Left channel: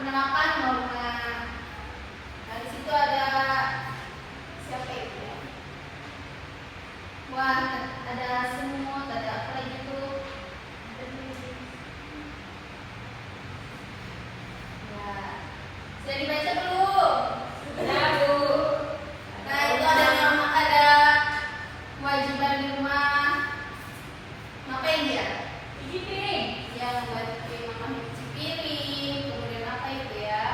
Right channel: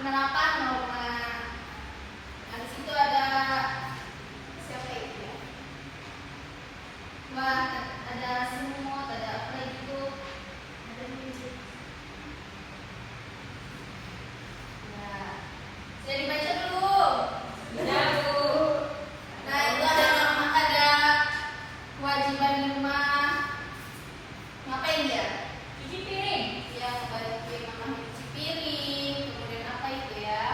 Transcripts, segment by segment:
penerapan norma. Nah, di situ ada siapa itu ya? Wah, ada semut, ada apa itu? Nah, saya dibaca dulu. Sudah, Bu. Nah, itu ada kewajiban di rumah. Ngapain dia? Cuci piring. Ya, bantuin mama cuci piring. Kemudian apa itu ya?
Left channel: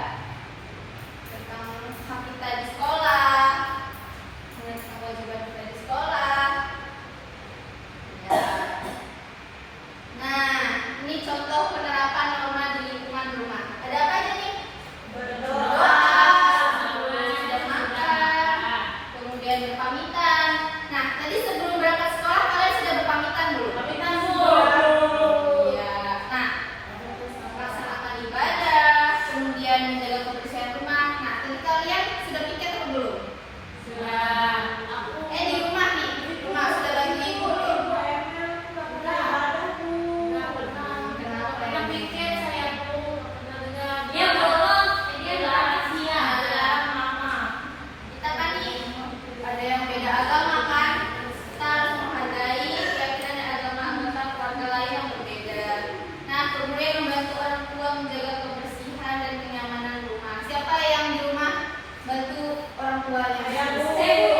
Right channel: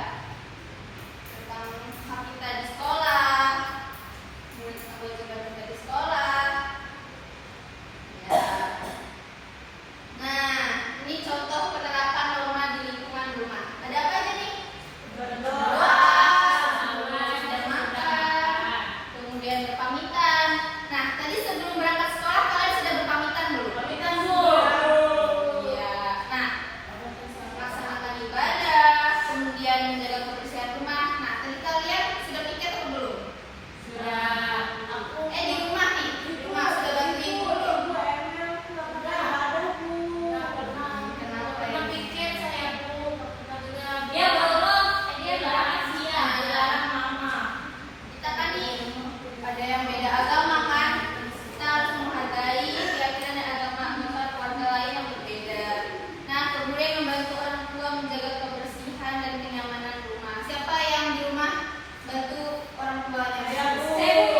Tentang hak kita di sekolah. Kemudian tentang kewajiban kita di sekolah. Ya. Nah, ini contoh penerapan norma di lingkungan rumah. Ada apa aja nih? Berdoa. Sudah makan, kemudian berpamitan. Nah, tadi sebelum berangkat sekolah kalian sudah berpamitan belum? Pamitan, Bu. Iya. Nah, melaksanakan ibadah, kemudian menjaga kebersihan rumah. Nah, tadi kalian sudah piket atau belum? Sudah. Di rumah nih, rumah sudah bantuin belum? Pernah pikir saya, Bu. Dia belum. Dia udah dia. Ada Mama. kita kan nih, ada yang beda agama kan? Kita harus menghargai keyakinan agama anggota keluarga lain yang berbeda. Nah, kemudian membantu orang tua menjaga kebersihan dan kenyamanan rumah. Siapa yang di rumah bantu orang tuanya? Ya, Bu.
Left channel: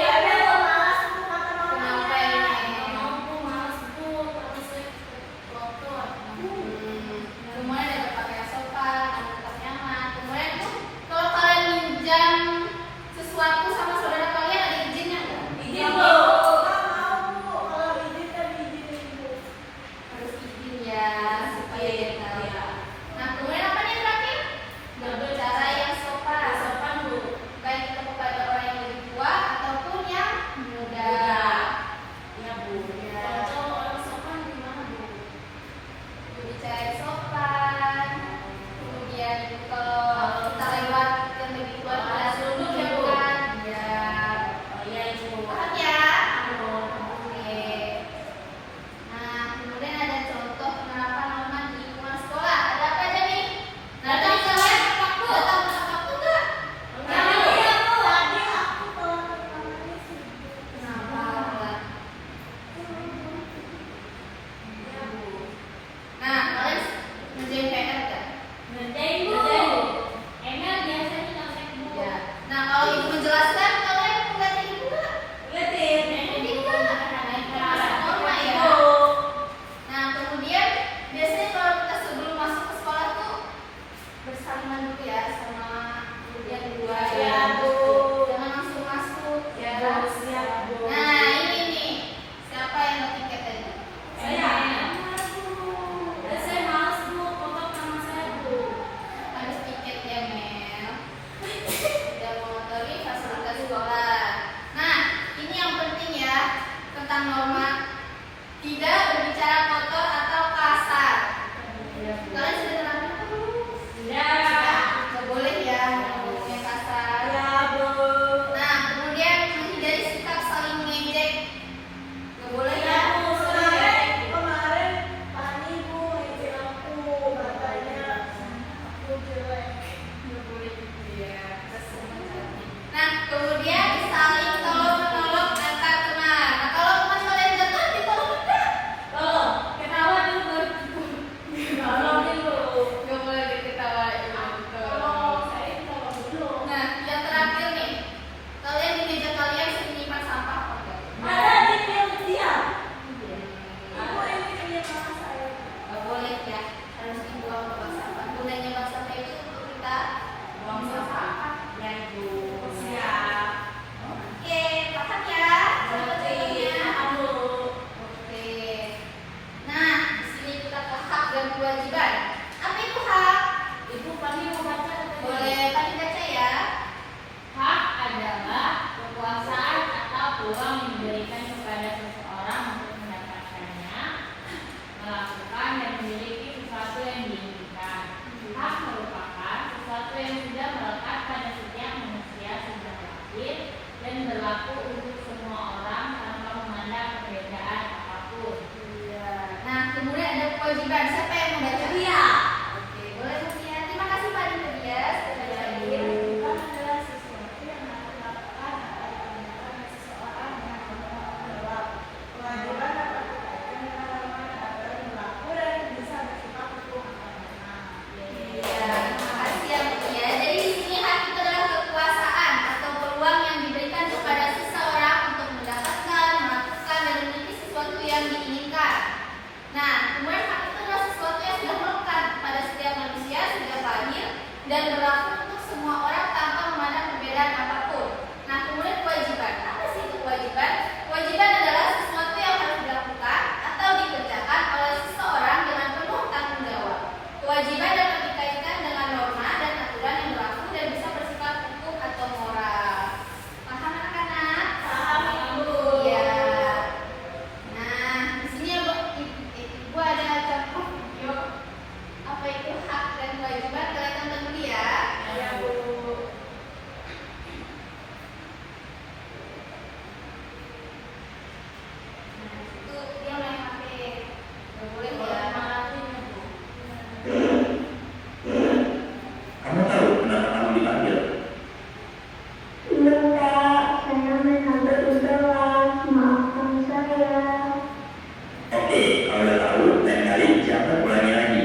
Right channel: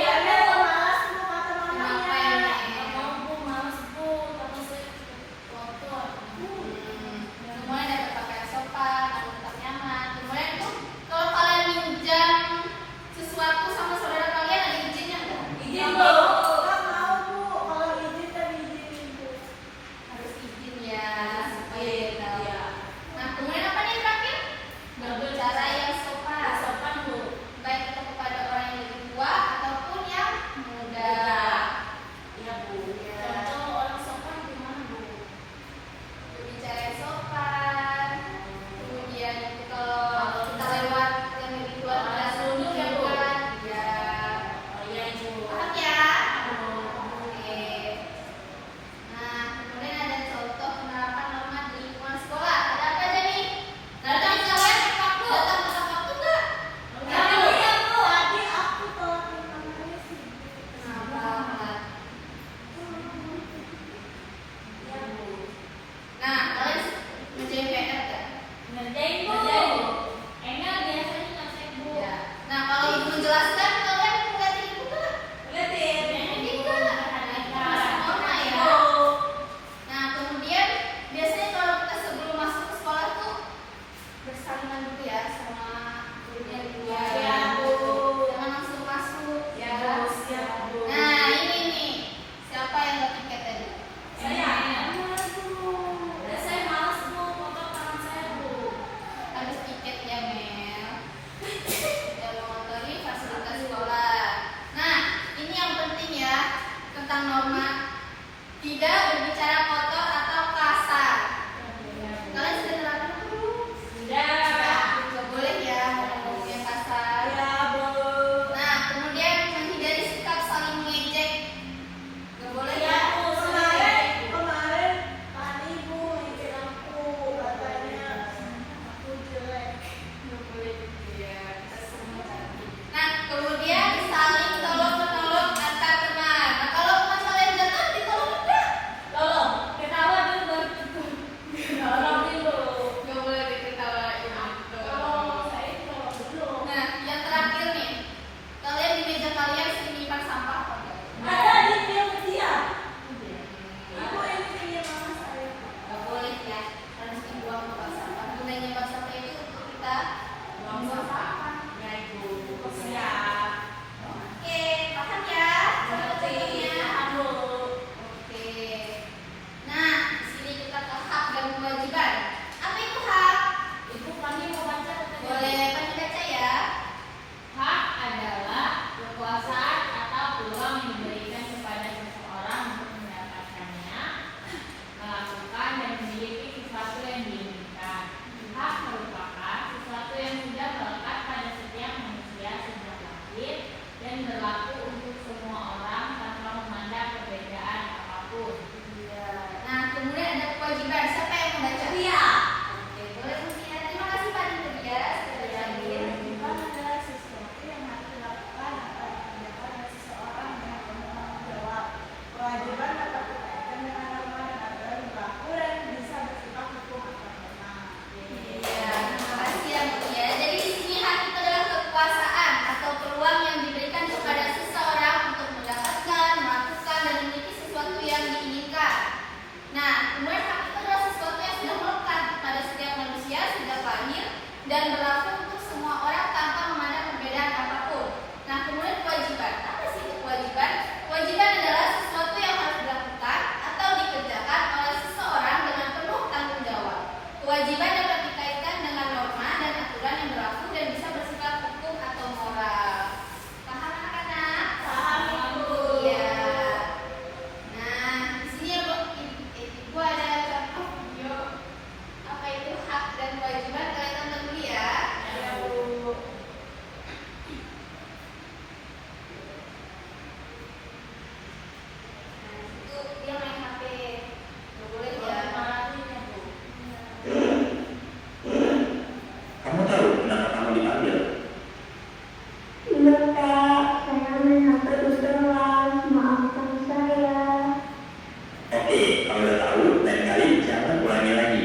dan berlaku untuk semua orang tanpa memandang perbedaan apapun. Nah, kemudian kewajiban. Apa sih itu kewajiban? Kewajiban adalah sesuatu yang harus dilakukan atau dikerjakan oleh seseorang dengan penuh tanggung jawab. Kewajiban dapat dikaitkan dengan norma dan aturan yang berlaku dan bisa bersifat hukum atau moral. Paham anak-anak? Paham, Ibu. Iya. Nah, di sini ya, Ibu ada contoh video apa itu hak dan kewajiban, kalian tonton dulu ya. Ya, Bu. Nah, itu dia main HP. Nggak boleh ya. Kamu tahu kenapa kamu dipanggil? Iya Kak, saya main HP di kelas, maafkan saya. Oke, kalau udah tahu, lain kali jangan ulangi lagi.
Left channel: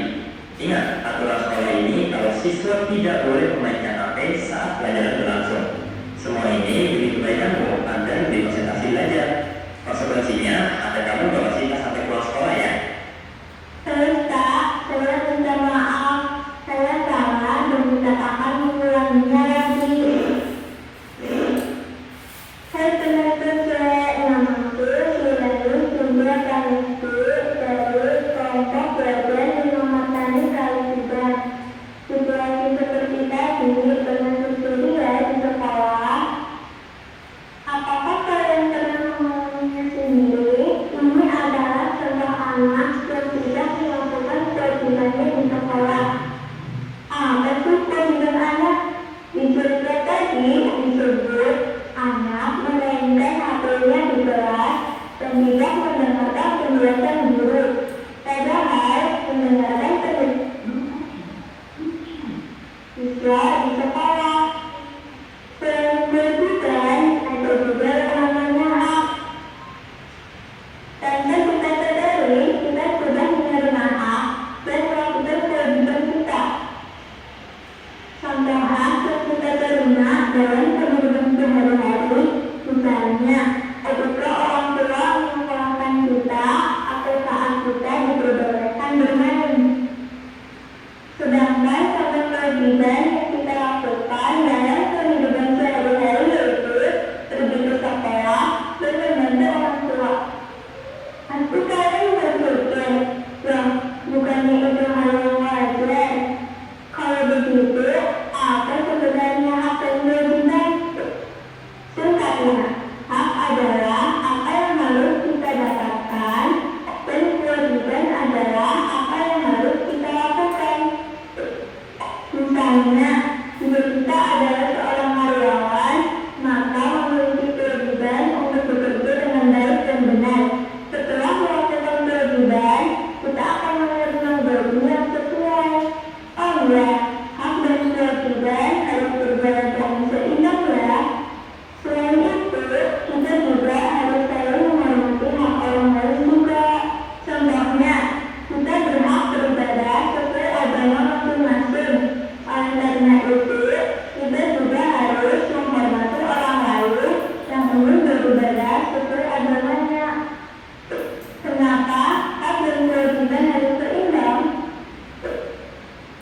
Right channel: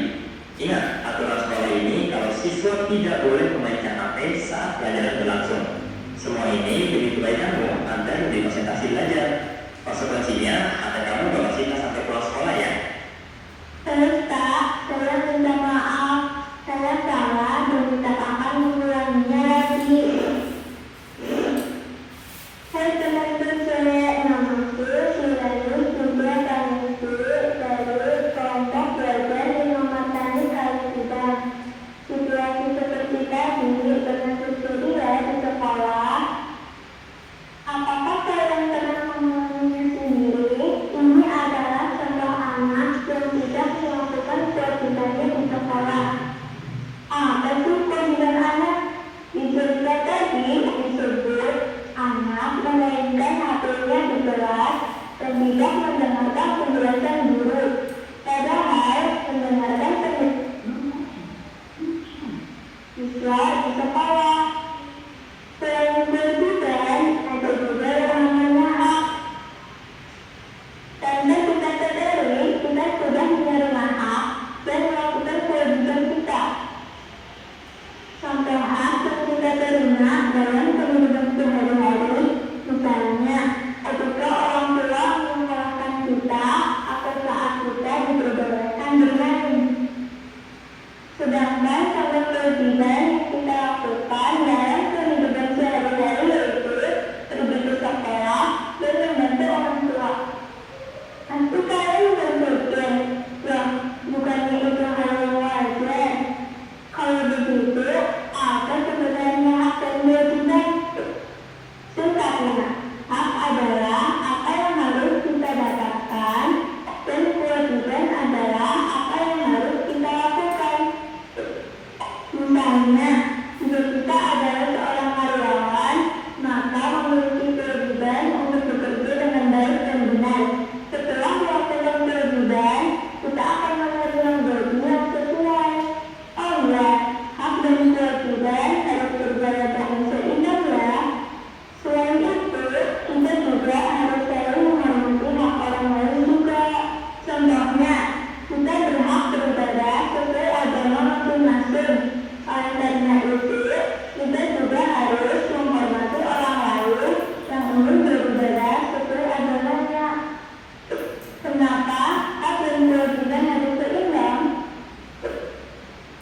Ingat, aturan sekolah ini kalau siswa tidak boleh memainkan HP saat pelajaran berlangsung. Semua ini demi kebaikanmu agar lebih konsentrasi belajar. Konsekuensinya, ada kamu bawa siswa sampai pulang sekolah ya. Terus Kak, saya minta maaf. Saya salah dan tidak akan mengulanginya lagi. Saya teman-teman namaku Sirayu Sunda Kanesu dari kelompok belajar menyelamatkan kewajiban. Situasi seperti tadi pernah terjadi ya di sekolah. Apakah kalian pernah mengalaminya sendiri? Ini adalah contoh anak yang tidak melakukan kewajibannya di sekolah. Betul kewajiban anak. Di cerita tadi disebut anak memainkan HP-nya di kelas dan tidak mendengarkan penjelasan guru. Padahal mendengarkan siswa di sekolah. Selain kewajiban, ada juga yang namanya hak. Tanpa kita sadari, kita sudah menerima hak dan melakukan kewajiban kita. Contoh hak yang kita terima dalam kehidupan sehari-hari, misalnya ketika orang tua menyekolahkan kita atau saat kita diperbolehkan bermain. Sedangkan contoh kewajiban yang kita lakukan dalam kehidupan sehari-hari yaitu pergi ke sekolah dan membantu orang tua. Nanti kalian berpikir, ya bukannya itu hal yang wajar. Kalau begitu, apa sebenarnya hak dan kewajiban? Singkatnya, hak adalah apa yang harus kita dapatkan dan kewajiban adalah apa yang harus kita lakukan. Misalnya, jika kita adalah seorang karyawan, maka memiliki kewajiban untuk bekerja dengan baik dan benar. Setelah melakukan kewajiban, kita akan menerima gaji yang sesuai. Oh ya, hak dan kewajiban harus berjalan dengan seimbang ya. Selain itu, kita juga harus saling menghormati hak orang lain juga. Contohnya, kita berhak beribadah sesuai agama masing-masing. Oleh karena itu, kita juga harus menghormati orang lain yang ingin beribadah sesuai agamanya. Kenapa hak dan kewajiban harus seimbang?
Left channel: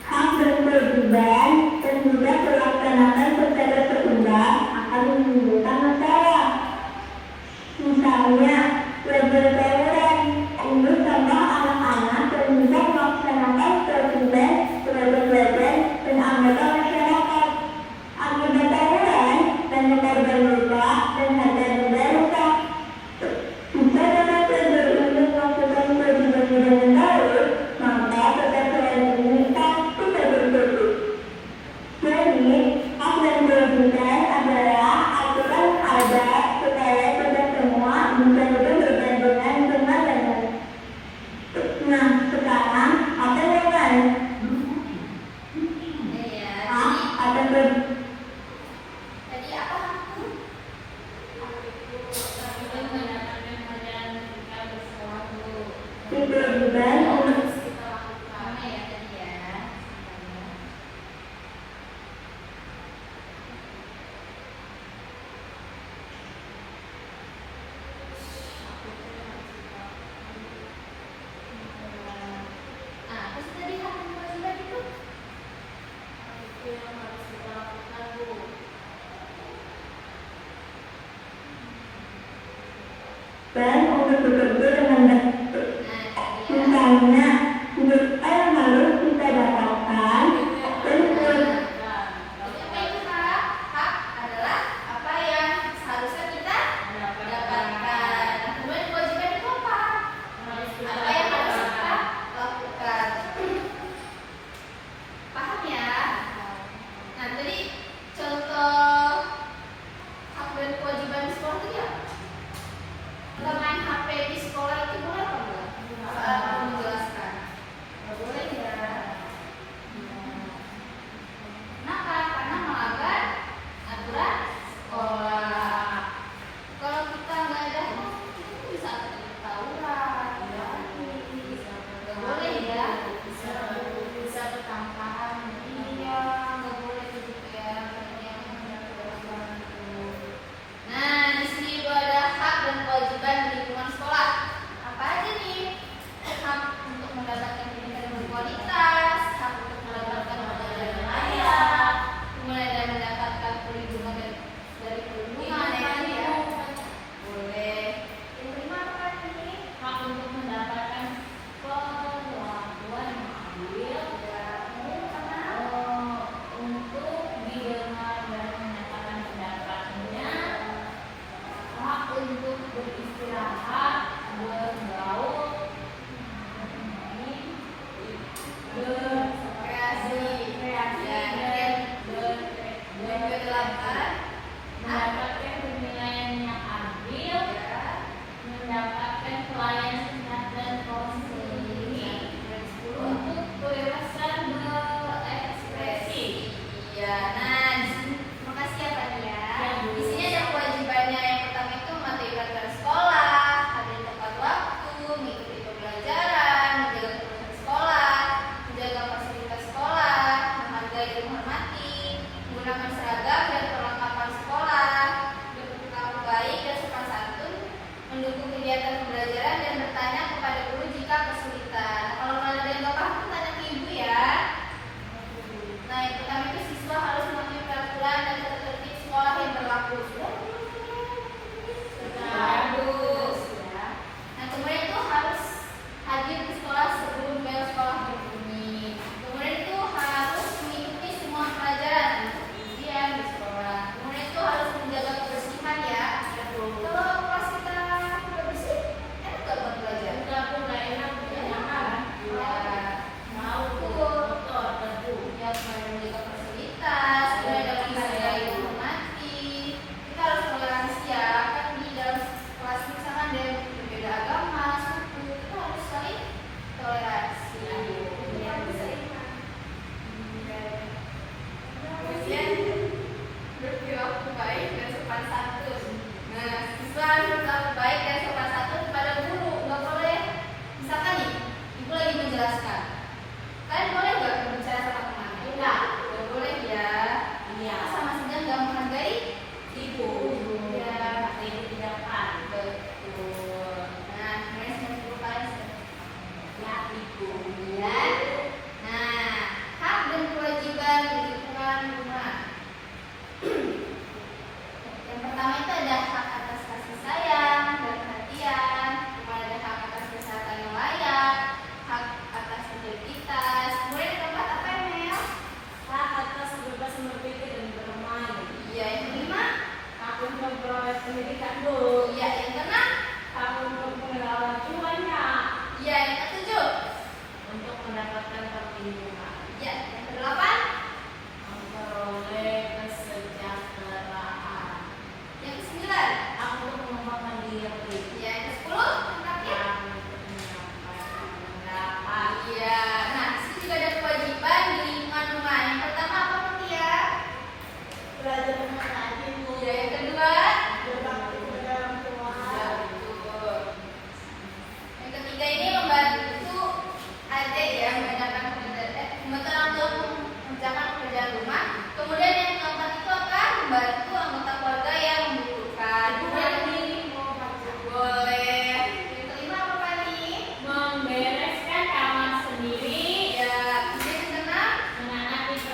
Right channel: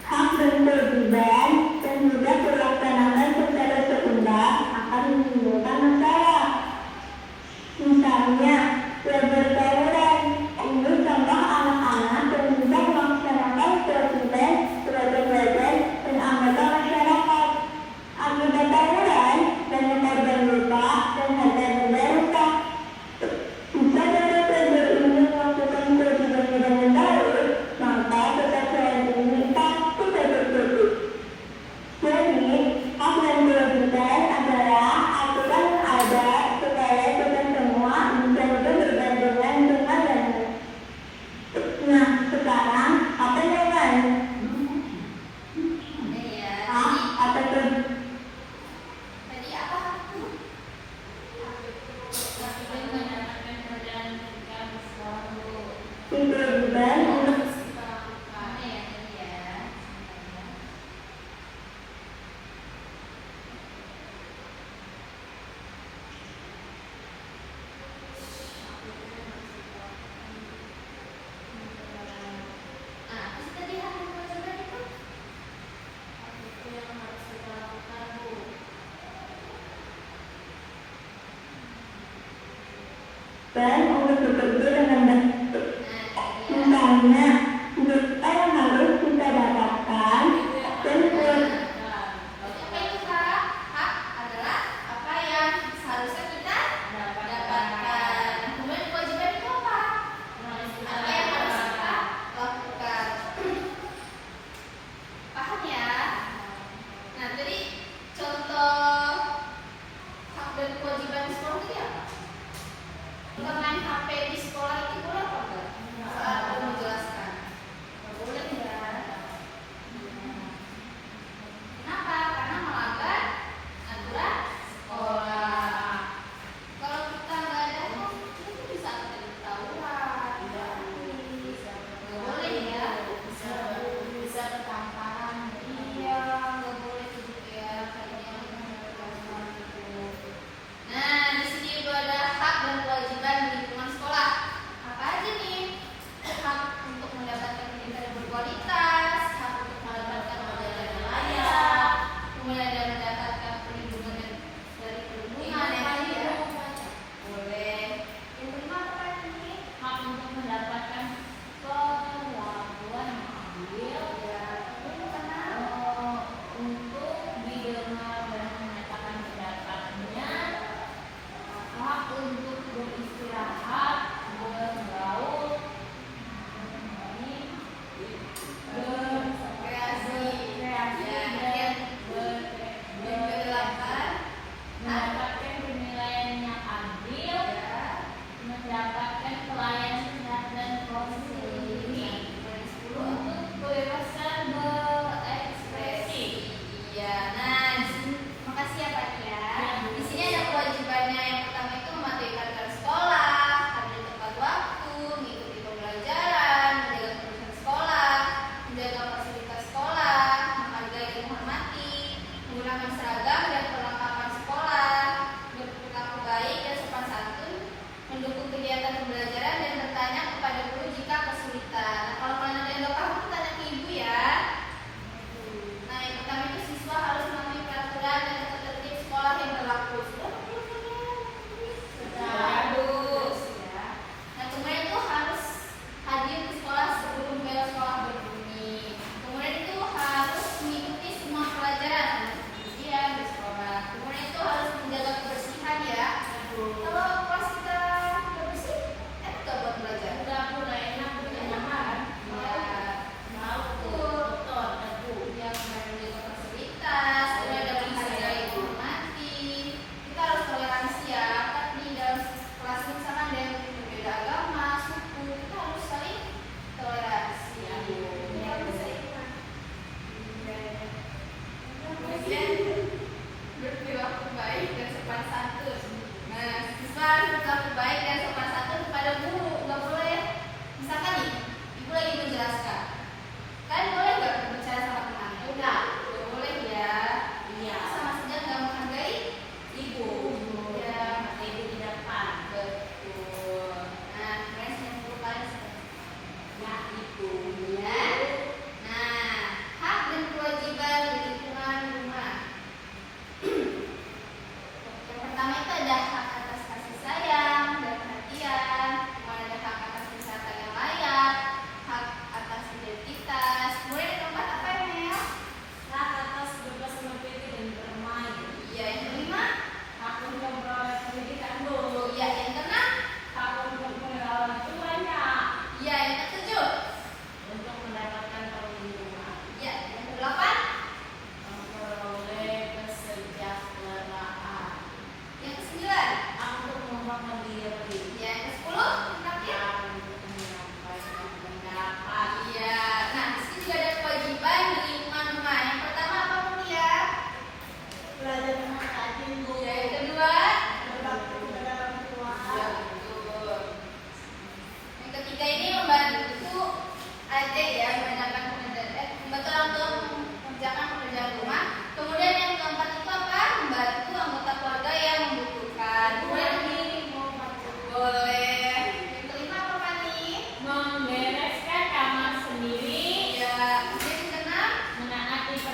Hak dan kewajiban dan juga dilaksanakan secara seimbang akan menimbulkan masalah. Misalnya, belajar tawuran. Ini contoh anak-anak yang tidak melaksanakan kewajiban sebagai pelajar dan anggota masyarakat. Akibat tawuran, banyak korban luka dan harta benda rusak. Jika dapat pelajar ini melakukan kewajibannya dengan baik, maka kesalahan ini pasti terjadi. yang harus kita lakukan, Bu? Dan untuk bekerja dengan baik. Misalnya, apa yang harus kita dapatkan dan Apa itu Kak? Hak adalah apa yang seharusnya kita dapatkan. Kemudian kewajiban itu apa? Apa yang harus kita lakukan. Paham ya? Nah, tadi contoh hak dan kewajiban di sekolah itu apa? Kita main HP di sekolah itu boleh apa enggak? Kamu jelaskan.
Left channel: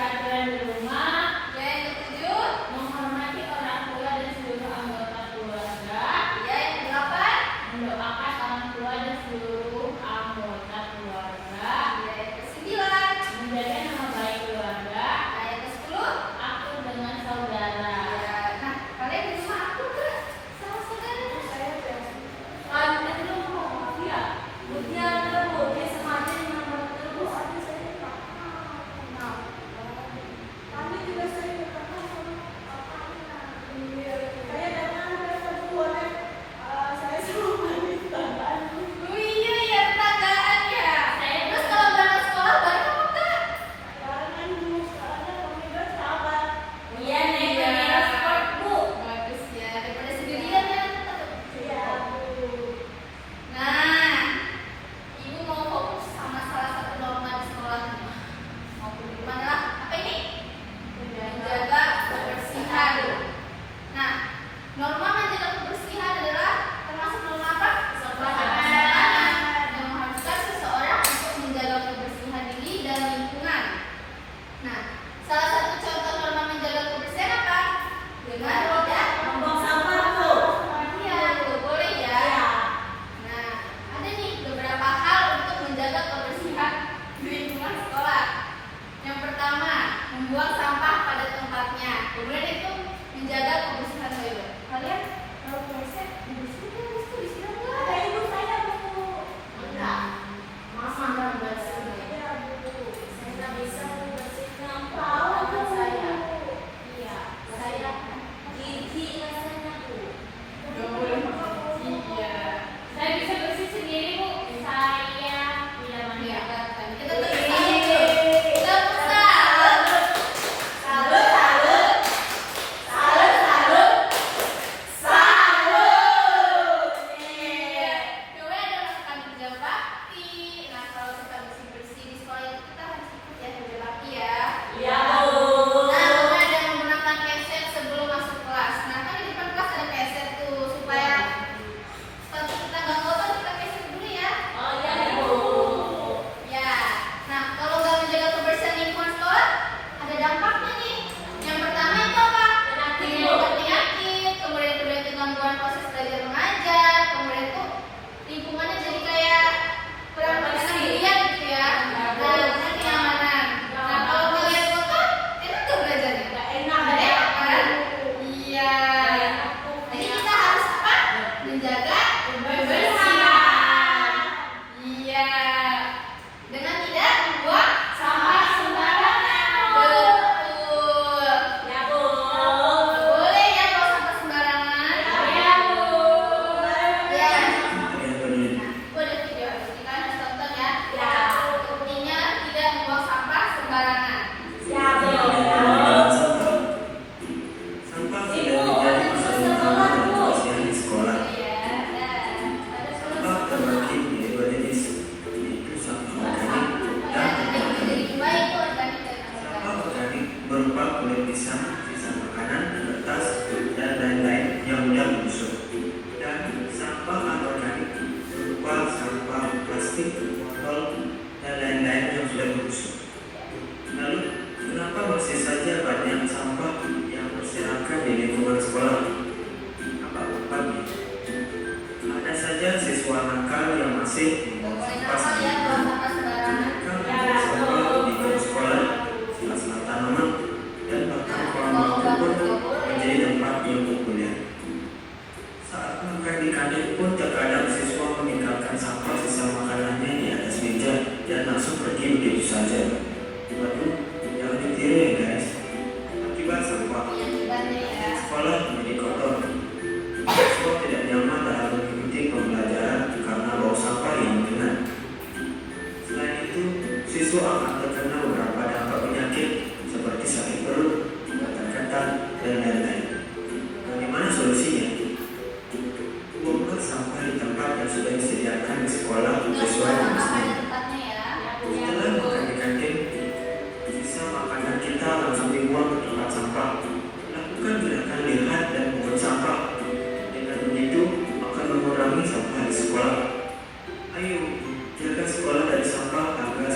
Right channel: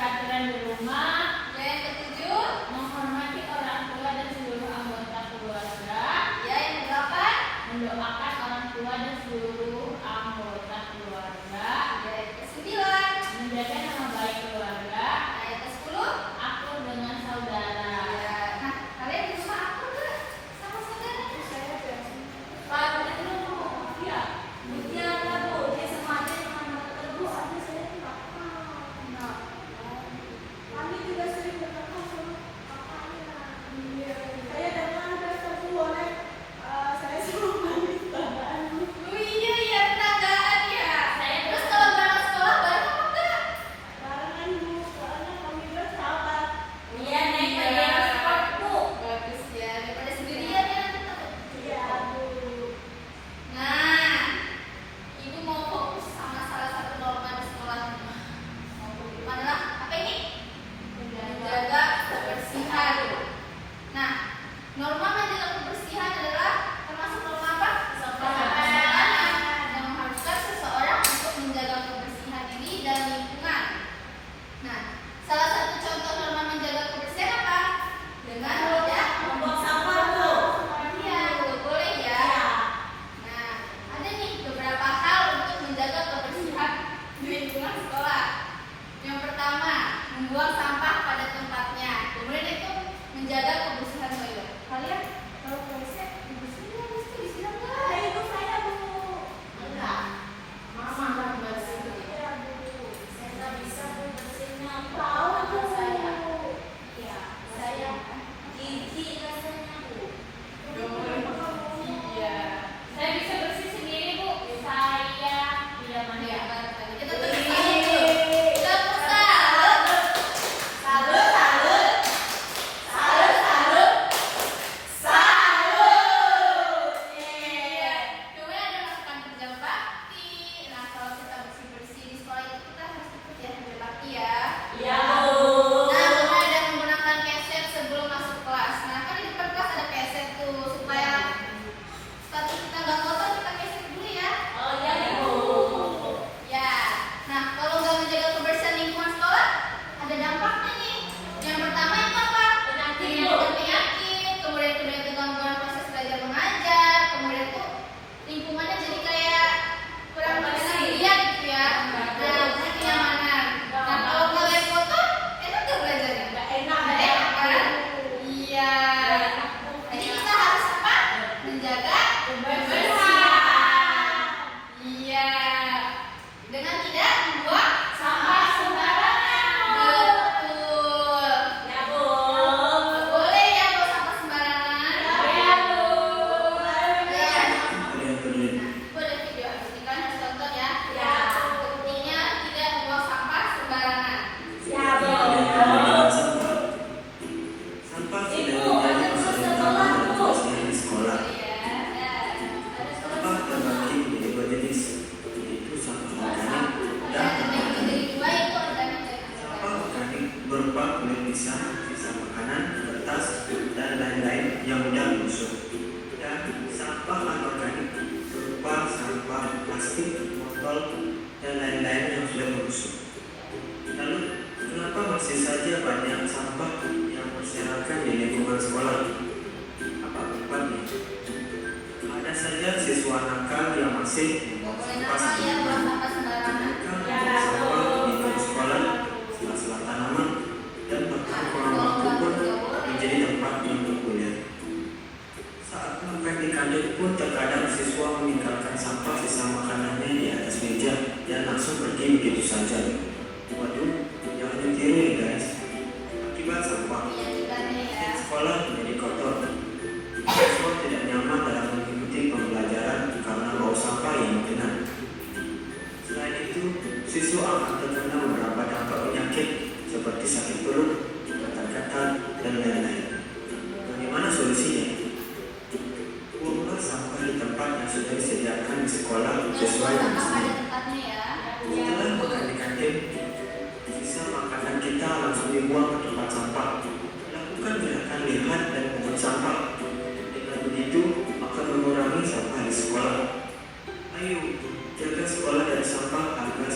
aturan di rumah. Ya, yang ketujuh. Menghormati orang tua dan seluruh anggota keluarga. Ya, yang kedelapan. Mendoakan orang tua dan seluruh anggota keluarga. Ya, yang kesembilan. Menjaga nama baik keluarga. Nah, yang kesepuluh. Akur dengan saudara. Ya, nah kalian di rumah aku nggak sama saudara? Saya Lalu ya, menjaga Bu, dia sengaja dengan nama terus. Kami juga sering bertemu sama kakaknya. Saya dengan rasa boleh. Saya sama tetanggaan. Oh iya ya, tetanggaan ya. Terus kalau berangkat sekolah bareng apa enggak? Barengan Bu, soalnya kami bersahabat. Iya, naik sepeda sport Bu. Bagus ya, daripada sendirian ya. Iya Bu. Nah, ibu mau fokus sama salah satu norma di sekolah. Mau di mana lah? Apa ini? Menjaga kebersihan. Nah, norma menjaga kebersihan adalah termasuk norma apa? Yang mengharuskan seseorang untuk menjaga kebersihan diri dan lingkungan. Nah, salah satu contoh norma menjaga kebersihan apa? Dengan tidak Membuang sampah Bu. iya, boleh ya. Nah, ada nih beberapa hal untuk menjaga kebersihan di lingkungan sekolah. Yang pertama, membuang sampah pada tempatnya. Kemudian itu menjaga kebersihan toilet. Kalian kalau konsep dibersihin kan mesti disiram lah. Ada ibu saya Bu. Enggak. Masa enggak bersih? Iya Bu. Saya nggak bisa membersihnya. Tahu Bu saya. Iya, saya gigi rasanya Bu. Iya. Saya bisa bersih sendiri Bu. Saya tidak Iya, mandi. kan tadi kita tuh tidak salut. Salut, salut. Salut, salut. Salut. Iya. Kemudian ada melakukan kerja bakti. Nah, kalau kita bersih-bersih di sekolah itu kita harus ikut ya kerja bakti ya. Iya Bu. Nah, kemudian ada menggunakan keset sebelum masuk kelas. Nah, kan di depan kelas ada keset tuh supaya sepatu kita nggak kotor kita keset dulu ya. Oh iya Bu. Ya. Nah, kalau nggak menjaga kebersihan lingkungan sekolah, ada dampaknya nih. Yang pertama itu apa? Menimbulkan penyakit, kemudian terjadi gangguan proses belajar mengajar, kemudian itu lingkungannya jadi kayak kurang bersendirian gitu ya. Nah, kemudian kenyamanan. Nah, kalau ngeliat kotor, enak tuh belajarnya. Nggak enak, Nggak nggak enak kan? enak. Iya. Jadi kita harus apa? Menjaga Kebersihan. Iya. Dengan tidak membuang Sampah sembarangan. betul. Ya Bu. Boleh ya kalau sampah sembarangan. Ya Bu. Ya. Yang kedua, Aku ada video kita harus tonton ya. Ya. Intinya tidak membuang sampah sembarangan. Ya Bu. sampah tidak menjadi persoalan utama dalam kebersihan di sekolah. Sampah terbagi menjadi dua jenis, yaitu sampah organik dan Dan anorganik. jadi dua itu organik dan Sampah anorganik. organik berupa kulit pisang, sisa makanan, kertas, dan lain-lain yang mudah membusuk. Dan sampah anorganik berupa sampah plastik, botol, dan lain-lain yang sudah membusuk. Lalu, kenapa masih saja banyak sampah yang berserakan di lingkungan sekolah? Apa penyebabnya? Ada saja siswa nakal yang masih membuang Boleh sampah nama ya kalau sembarangan. sampah sembarangan. Mereka membuang sampah di bangku sekolah, sela-sela tanaman, dan bahkan kolam waktu pun menjadi tempat yang berkuliah. Saat makan di kantin pun terkadang siswa meninggalkan sampah sisa makanannya di atas meja dan langsung pergi begitu saja. Waduh, jangan ditiru ya guys. Akibat sampah, Iya juga nih ya. sekolah menjadi kotor. Siswa tidak nyaman dalam mengikuti pembelajaran karena bau sampah yang mengenal. Selain itu, siswa akan terkena beberapa dampak penyakit seperti sakit perut, gatal-gatal, dan lain-lain. Bagaimana solusinya? Buanglah sampah di tempat yang sudah disediakan di sekolah sesuai Sampah jenisnya. pada tempatnya ya. Setelah makan di kantin, sisa makanan kita langsung dibuang ke tempat sampah. Lakukan gerakan lihat dan pungut sampah. Dengan begitu akan mengurangi sampah di sekolah. Ayo, jaga sekolah dari sampah agar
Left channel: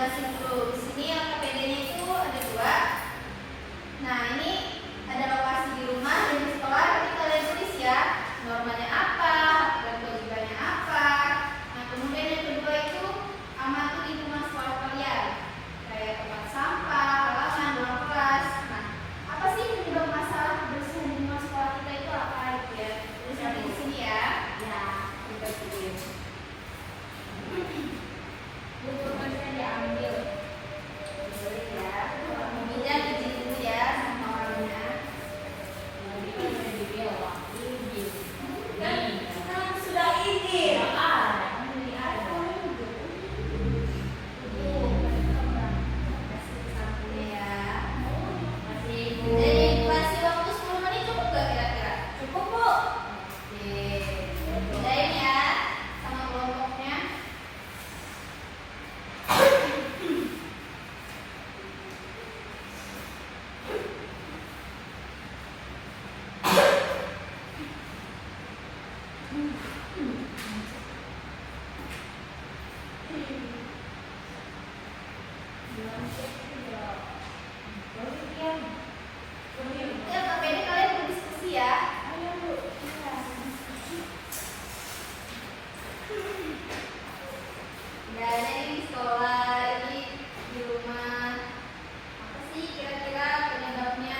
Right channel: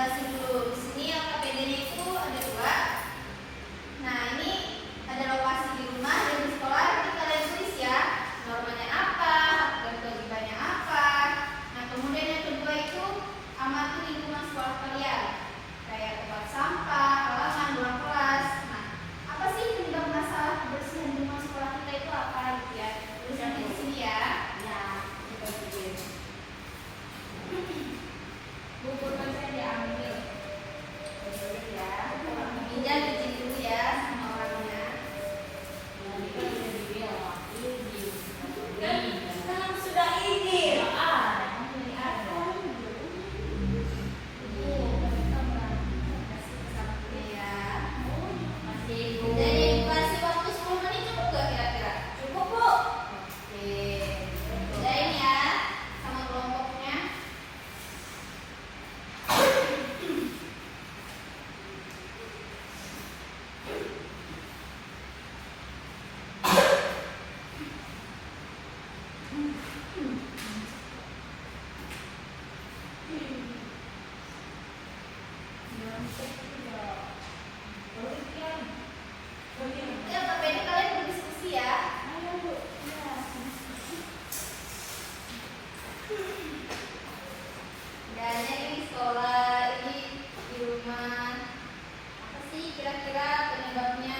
jelasin dulu. Di sini LKPD-nya itu ada 2. Nah, ini ada lokasi di rumah dan di sekolah. Nanti kalian tulis ya, normanya apa, hak dan kewajibannya apa. Nah, kemudian yang kedua itu amati lingkungan sekolah kalian, kayak tempat sampah, halaman, ruang kelas. Nah, apa sih penyebab masalah kebersihan lingkungan sekolah kita itu apa gitu ya? Tulis nanti di sini ya. Ya, dipercaya. Buku saya diambil. Ya, meja di dulu ya sama orangnya. Kan sudah ini. Jadi kasih waktu 10 menit cukup gak kira-kira? Cukup, Bu. Oke, bedain ya sama kelompoknya. Oke, LKPD kalian berdiskusi ya. Gak ada ini di sekolah, ini di rumah. Apa sih kira-kira penyebabnya?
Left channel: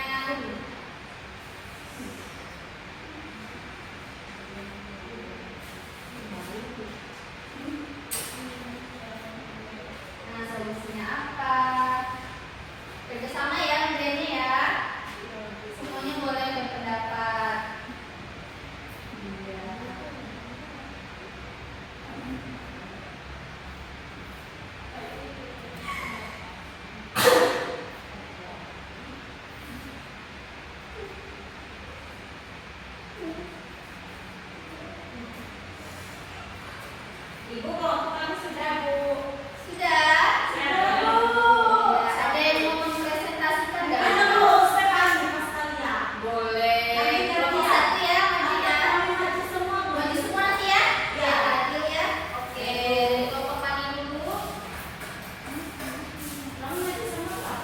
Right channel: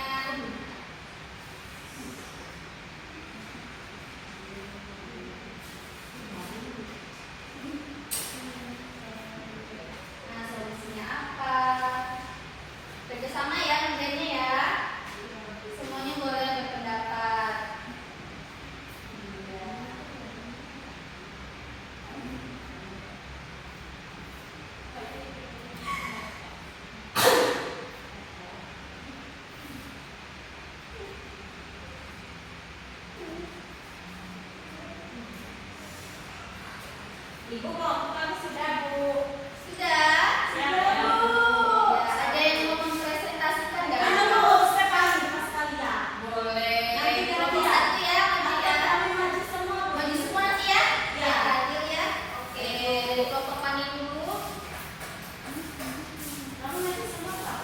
Nah, solusinya apa? Kerjasama ya kerjanya ya. Semuanya boleh berpendapat. Ibu kok kan sudah, Bu. Sudah? Sudah, Bu. Ya, ada yang mau mempresentasikan nggak? Mana, Bu? Sekarang masalahnya. Boleh. Nanti Kelompok satu ya, maju ya. Maju semua, Bu. Maju semua nanti ya. Ya. Ya, adil ya. Oke, dari kelompok mana dulu? Kamu maju semua, Pak.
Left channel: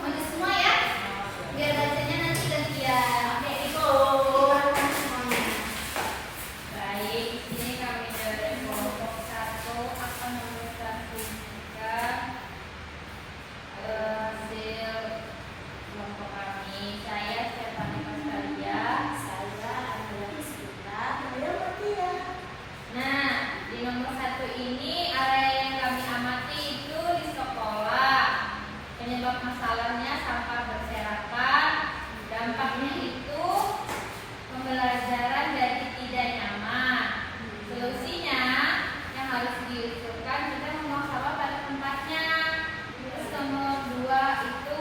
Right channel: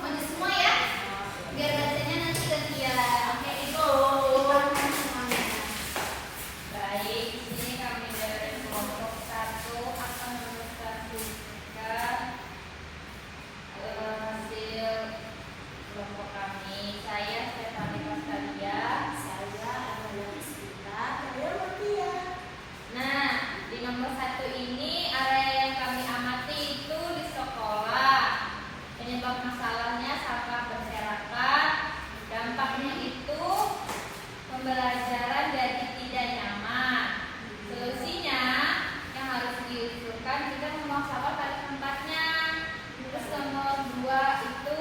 Maju semua ya. Biar bacanya nanti gantian. Oke, Ibu. Diperankan semuanya. Baik, di sini kami dari kelompok 1 akan mempresentasikan hasil kelompok kami. Saya Stefani Pastalia. Saya adalah Sita. Saya Matia. Nah, di nomor 1 ini area yang kami amati itu di sekolah. Penyebab masalahnya sampah berserakan. Dampaknya itu pembelajaran jadi tidak nyaman. Solusinya yang harus diusulkan kita membuang sampah pada tempatnya. Terus nomor 2 itu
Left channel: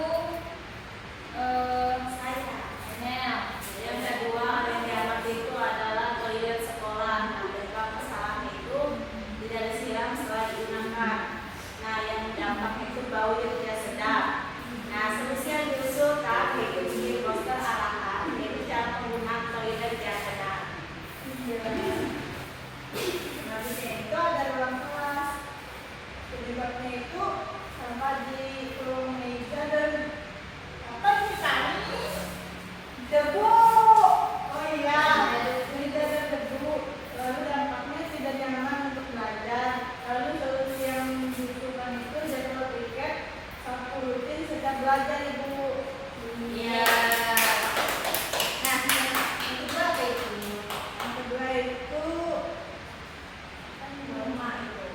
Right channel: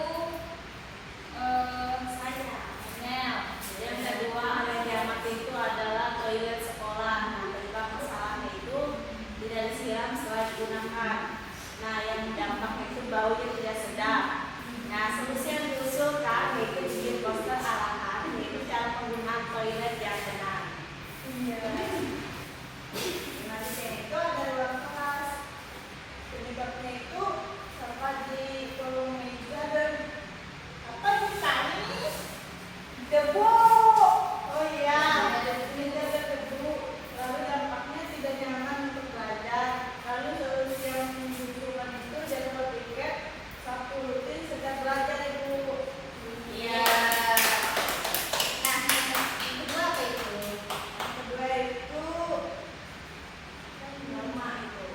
saya Mel. Yang kedua yang diamati itu adalah toilet sekolah. Nah, penyebab masalahnya itu tidak disiram setelah digunakan. Nah, yang dampaknya itu bau yang tidak sedap. Nah, solusi yang diusulkan yaitu bikin poster arahan, yaitu cara penggunaan toilet yang benar. Selanjutnya itu ada ruang kelas. Penyebabnya itu sampah di kolong meja dan apa ini tadi? Debu. Oh iya, meja dan debu. Lalu dampaknya tidak nyaman untuk belajar. Lalu solusi yang diusulkan itu jadwal piket sapu rutin sejak belajar, Ibu. Iya. Nah, yang kedua apa itu? Yang kedua itu Norma itu.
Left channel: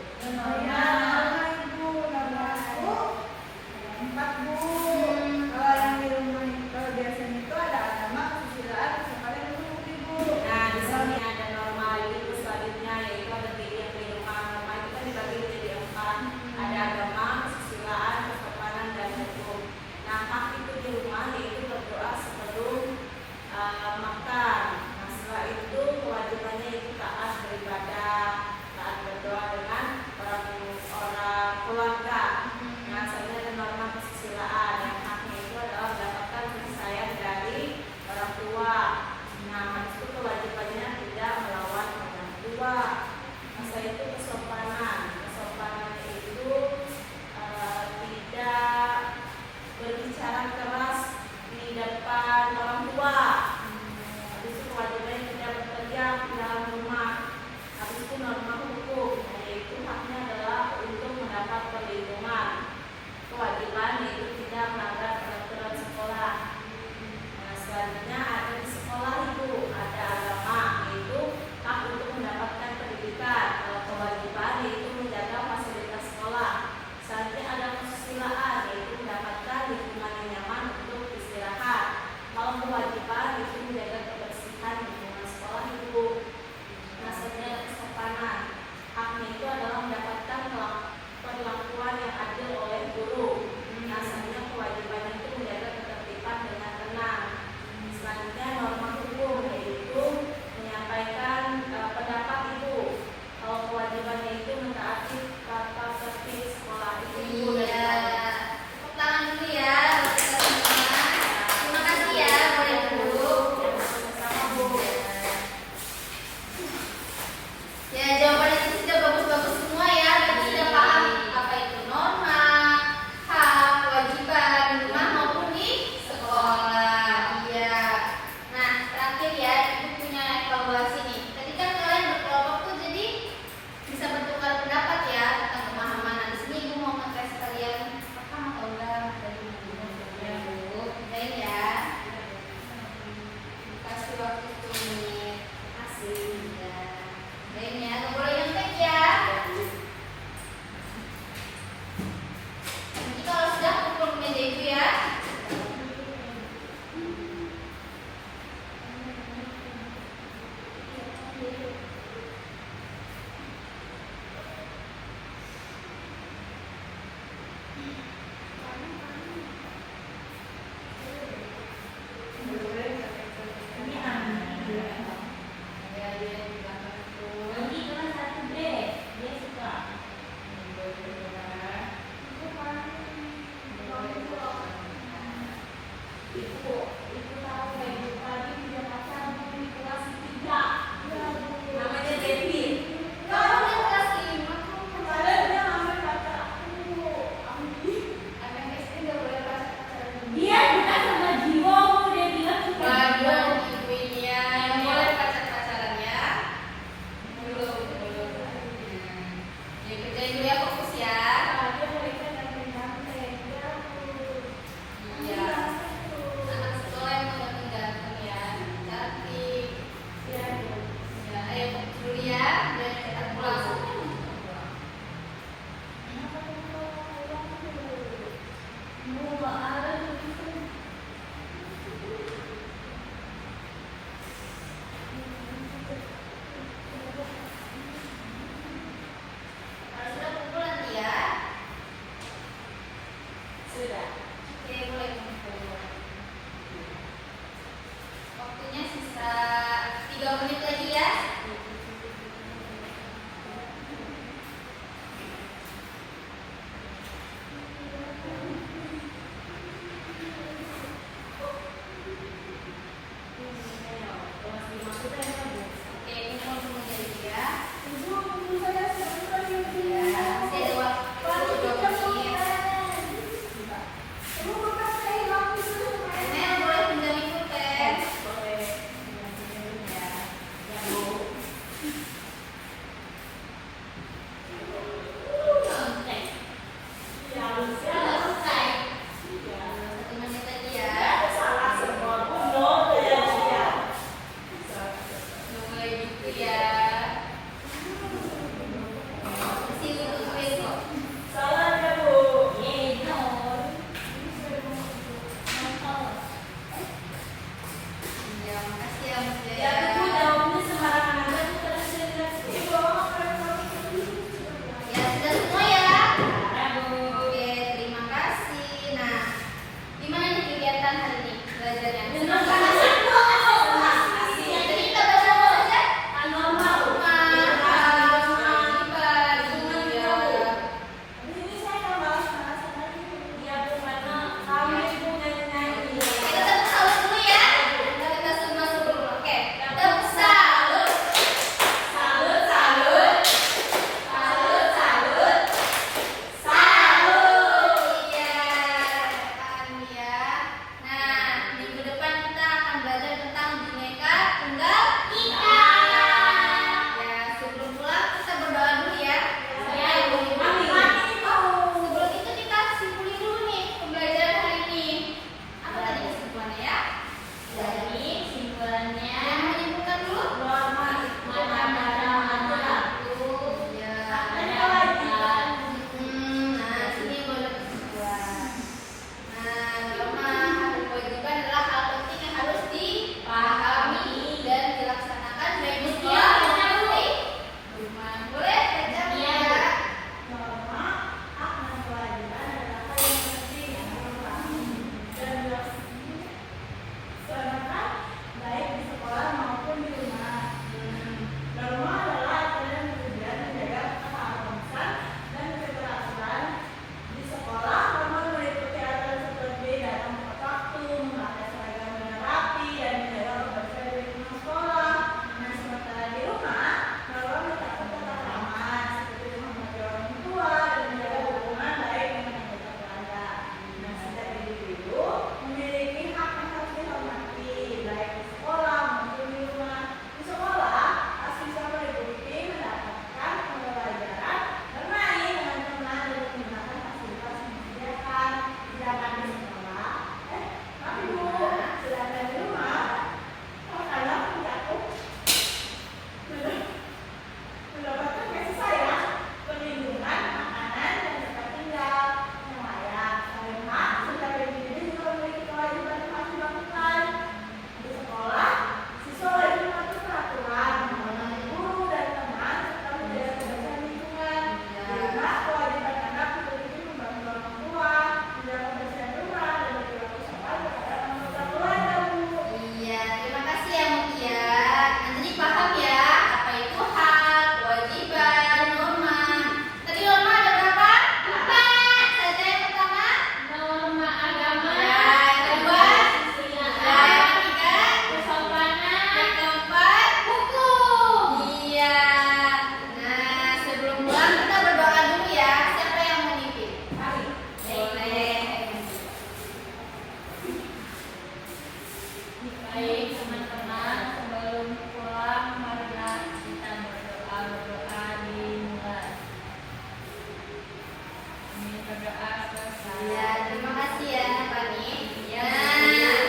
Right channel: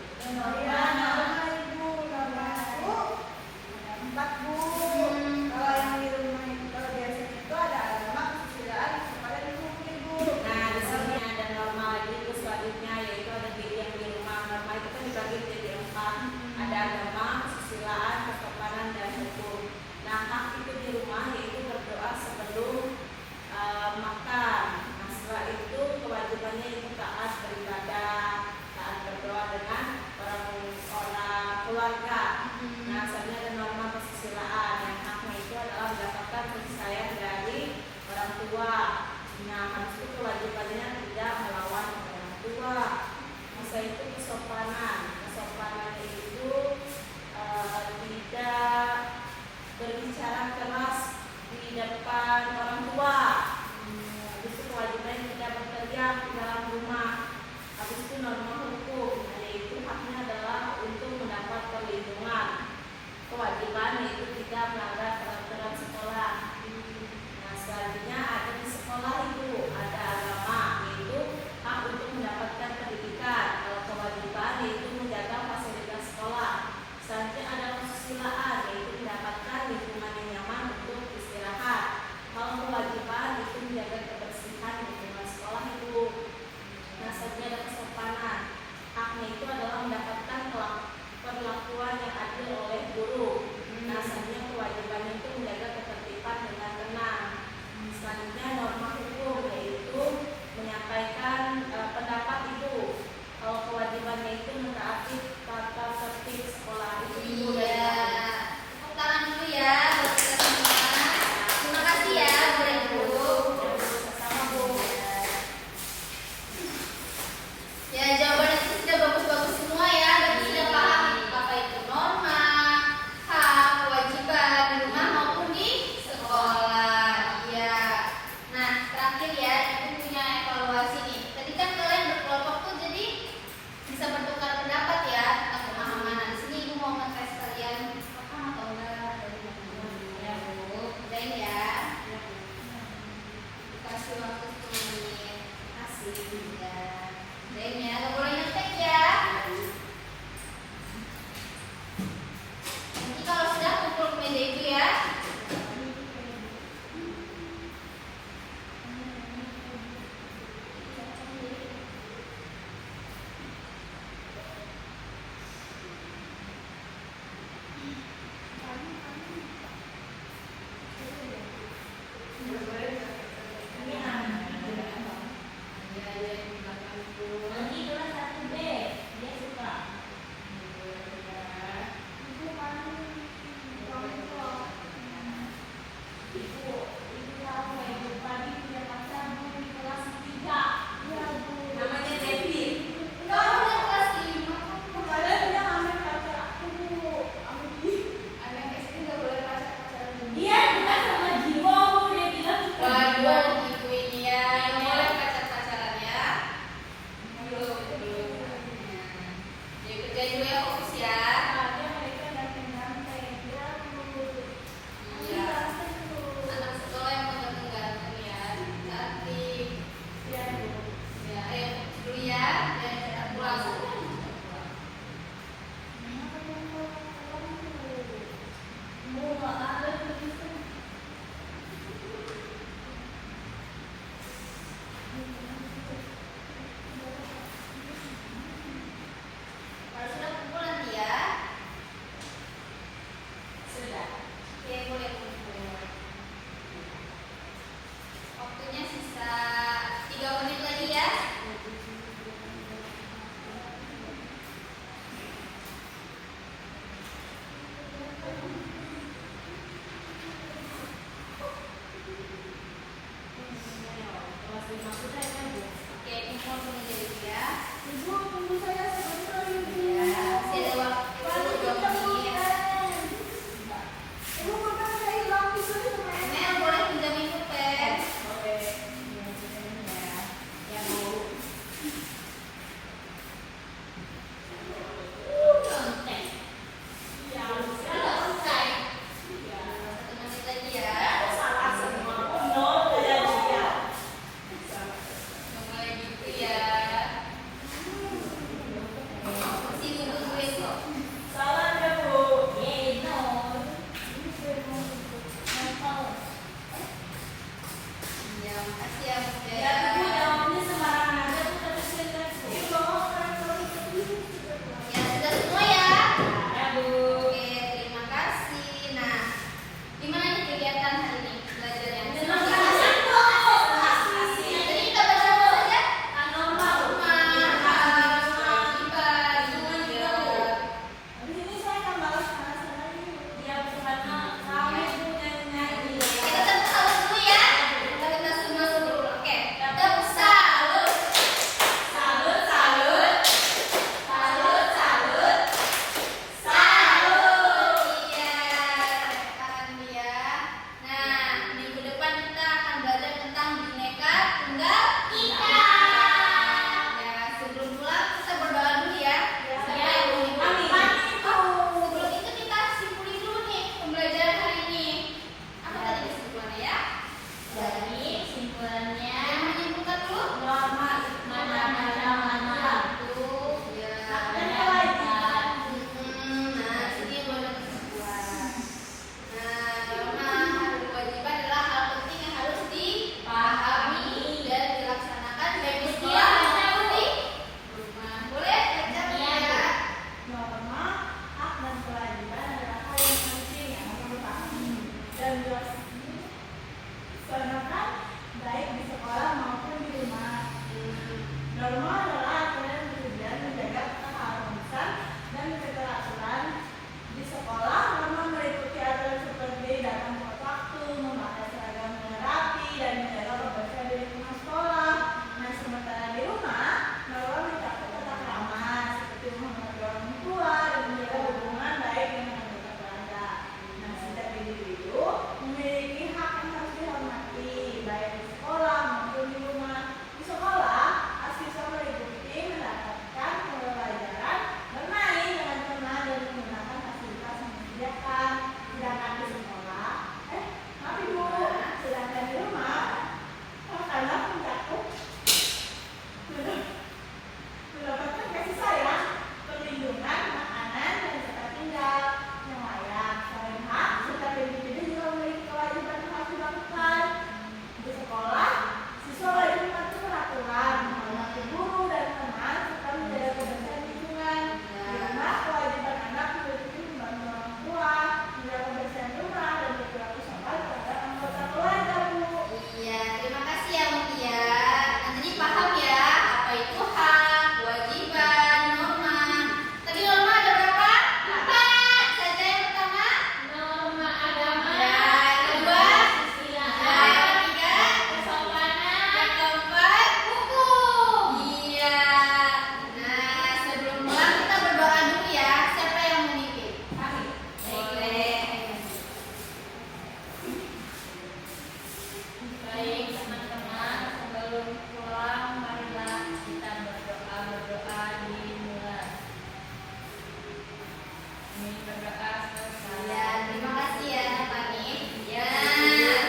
berdoa selesai. Ya, terima kasih ya Fani. Ya, Nah,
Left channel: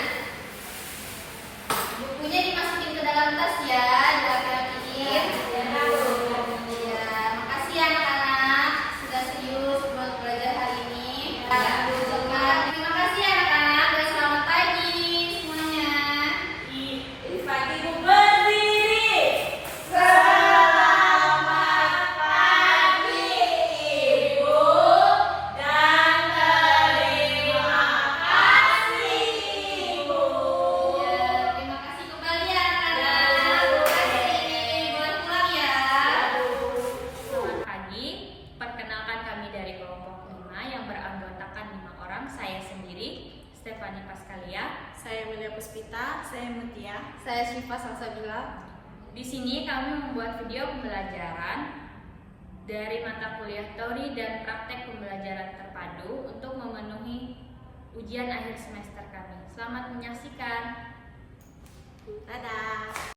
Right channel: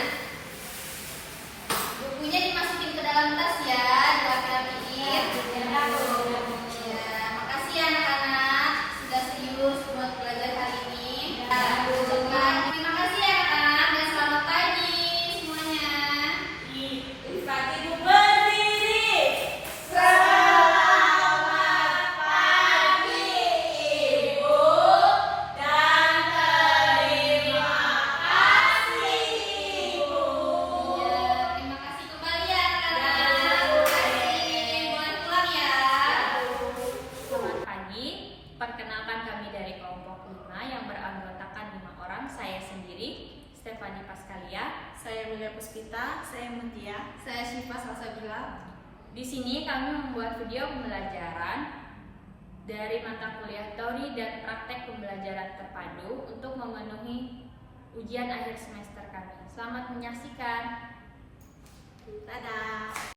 bukunya dimasukin ke dalam tas ya, dirapi-rapiin. Ya, makasih ya anak-anak sudah serius buat belajar hari ini. Ya, terima kasih ya anak-anak dan selamat pagi semuanya. Pagi ibu berdiri. Selamat pagi ibu dan terima kasih ibu. Ya, terima kasih kembali ya anak-anak. Terima kasih. Boleh pulang ya. selamat pagi. Perkenalkan kami dari kelompok 5 yang beranggotakan 5 orang. Saya sendiri, Stefani Paskalia. Saya Mulia Puspita. Saya Mutia. Saya Syifa Salsabila. Di sini kami membuat video pembelajaran dari mata kuliah teori dan praktek pembelajaran terpadu untuk memenuhi ujian akhir semester kami. Selamat menyaksikan. Dadah.